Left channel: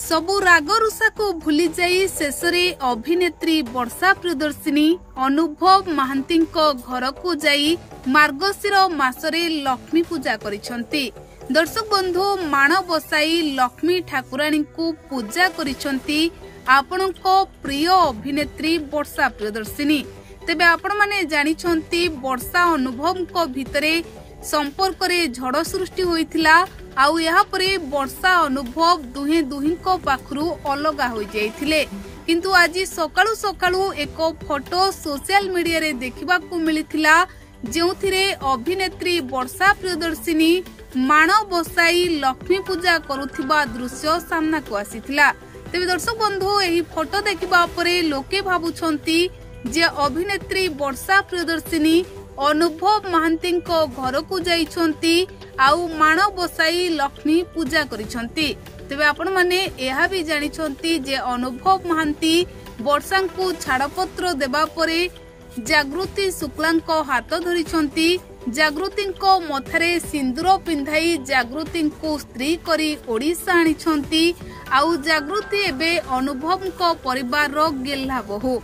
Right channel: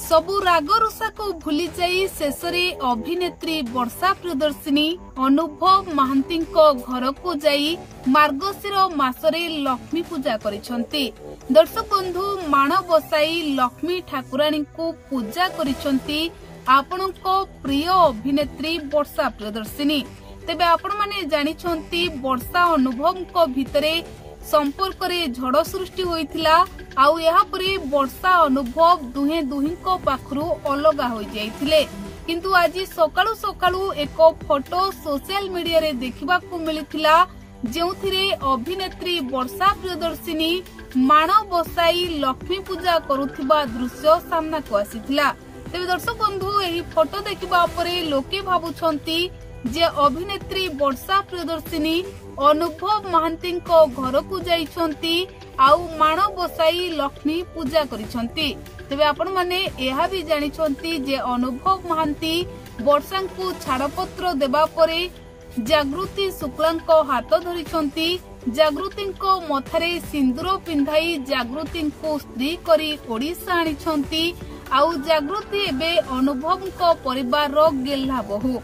सबु राग रुषा को भूली जाई शेषरे अभिनेत्री वर्षा प्रियदर्शिनी अनुभव महांती घर को जाई मार्गशीर मासरे लक्ष्मी पूजा करिसंती। दर्शक बंधु माण बसाई लक्ष्मी ठाकुराणी को पूजा करिसंती आपणको प्रिय अभिनेत्री वर्षा प्रियदर्शिनी। तेबे आपण माने जानिछंती वर्षा अनुभव को भितरे संपर्क रे झड़ सृष्टि होइथिला आउ यहाँ परे वर्षा अनुभव दुहे दुहिंको पाखरु अलगा हो जाइथिले। किंतु आज सकाळु सकाळु एक फोटो सोशल मीडिया रे देखिबा को मिलिथिला जेउथिरे अभिनेत्री वर्षा प्रियदर्शिनी माण बसाई लक्ष्मी पूजा करुथिबा दृश्य सामना को आसीथिला। तेबे दर्शक बंधु एही फोटो देखिबा परे लोके भाबुछंती जे अभिनेत्री वर्षा प्रियदर्शिनी अनुभव महांती घर को जाइछंती आउ माण बसाई लक्ष्मी पूजा करिछंती। तेबे आपण माने एहा भी जानिछंती जे अनुभव महांती वर्षा को छाड़पत्र देबा परे जागृति शुक्लांको हाथ धरिछंती। जागृति मथारे सिंदूर पिंधाई जागृति को स्त्री करी ओडिशा आनिछंती आउ जागृति एबे अनुभव को परिवार रो गेल्हा बहु।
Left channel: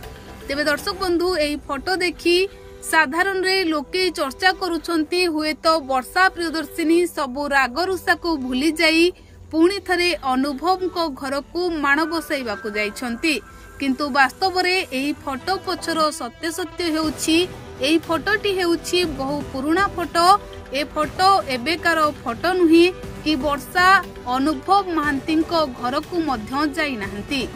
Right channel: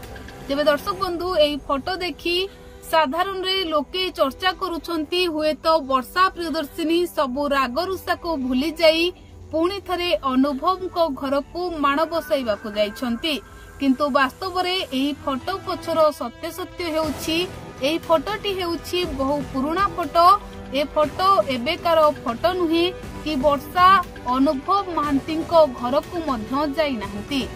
तेबे दर्शक बंधु एही फोटो देखी साधारण रे लोके चर्चा करुछंती हुए तो वर्षा प्रियदर्शिनी सबु राग रुषा को भूली जाई पुणी थरे अनुभव को घर को माण बसाइबा को जाइछंती। किंतु वास्तव रे एही फोटो पछर सत्य सत्य हेउछि एही फोटोटी हेउछि बहु पुराना फोटो। ए फोटो एबेकार फोटो नुही कि वर्षा अनुभव महांती घर को मध्य जाई नाहंती।